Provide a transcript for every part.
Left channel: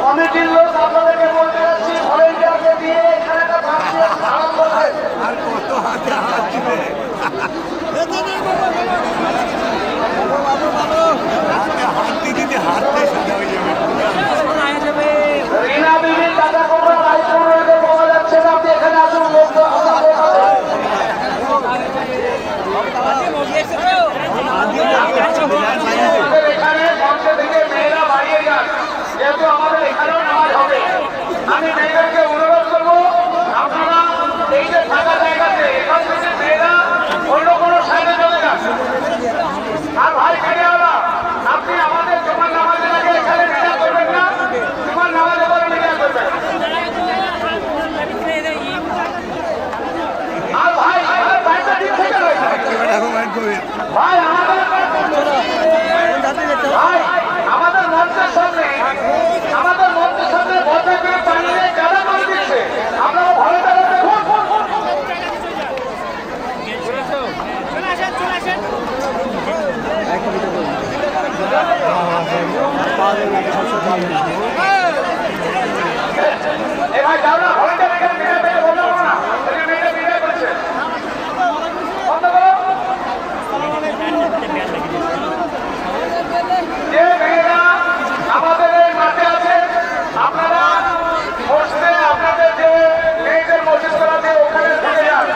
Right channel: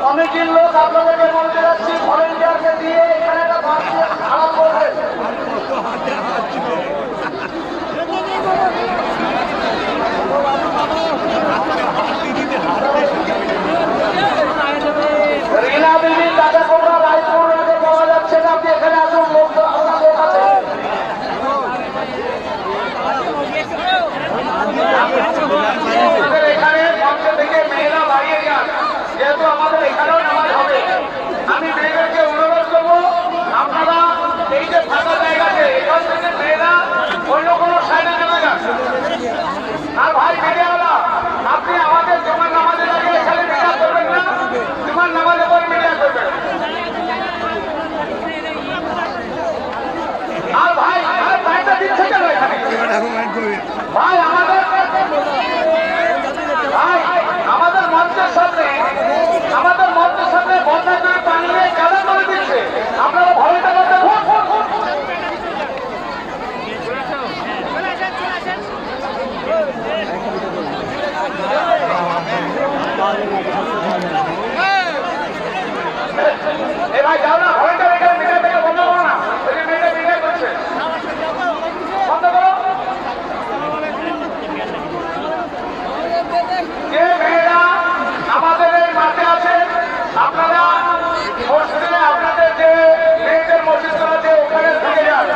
কমিটির লোক আপনাদেরকে বলতে যাচ্ছি, ভলেন্টিয়ারকে দিয়ে এখানে একটা বাস খারাপ করবে। রিনা বিবি টাকা কোবরা রায়পুর রোডে পাওয়া যাচ্ছে না, আপনি এখানে আসুন, লোক আপনার লোক আছে। এখানে মঞ্চ থেকে মেয়েরা বাড়িয়ে যান, যেহেতু আমাদের এখানেও নামাজ হবে। আমি মেয়েদেরকে অনুরোধ করবো, আপনারা এই যে ফাঁকা জায়গাতে এখান থেকে মেয়েরা অন্য কোনো সাইডে চলে যান। আর ভাই ফেরিওয়ালা, আপনি আমাদের জুমার নামাজের আগে এখানে মিটিং করবেন না, জুমার নামাজের পর মিটিং করবেন। আর ভাই প্যান্টটা দিক থেকে ভাই আমাদের মঞ্চের সামনে বর্ষা করে পানি নিয়ে কাদা করে দিচ্ছে, আপনারা ভালো এবার যাও না, ভলেন্টিয়ার এখানে মিডিয়া থেকে বন্ধ করো না, মিডিয়া করছে বন্ধ করো। যে মেয়েরা আমাদের এই মাঠে আছে, আপনারা মসজিদে আপনাদের যে মেয়েদের মসজিদ করা আছে ওখানে ঢুকে যান,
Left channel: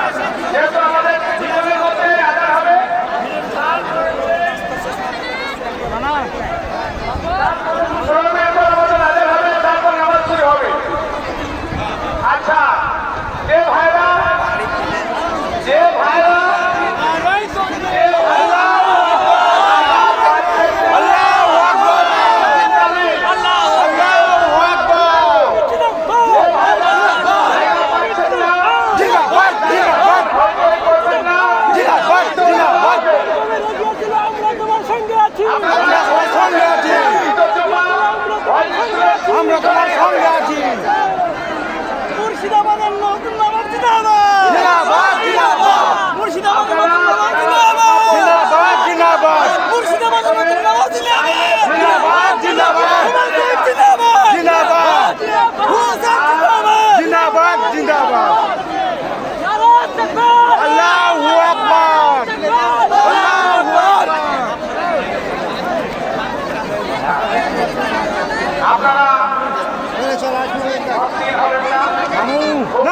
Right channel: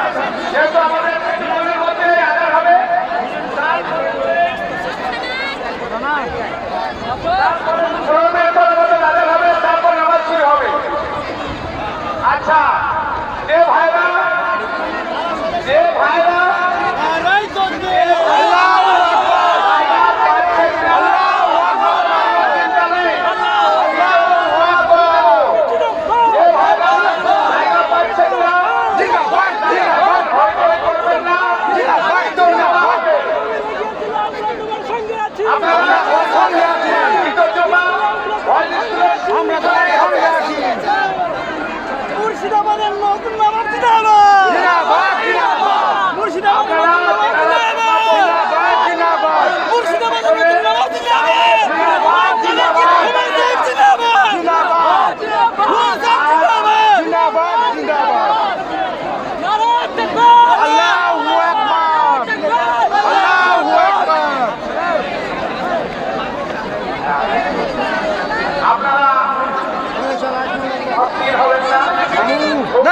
যেহেতু আমাদের জীবনের মধ্যে আগার হবে। তারপর নামাজ শুরু হবে। আচ্ছা, যে ভাইরা আমরা তোমার সঙ্গে আছি। মুর্শিদাবাদের নতুন নামাজ জিন্দাবাদ, মুর্শিদাবাদের নতুন নামাজ জিন্দাবাদ, মুর্শিদাবাদের নতুন নামাজ জিন্দাবাদ।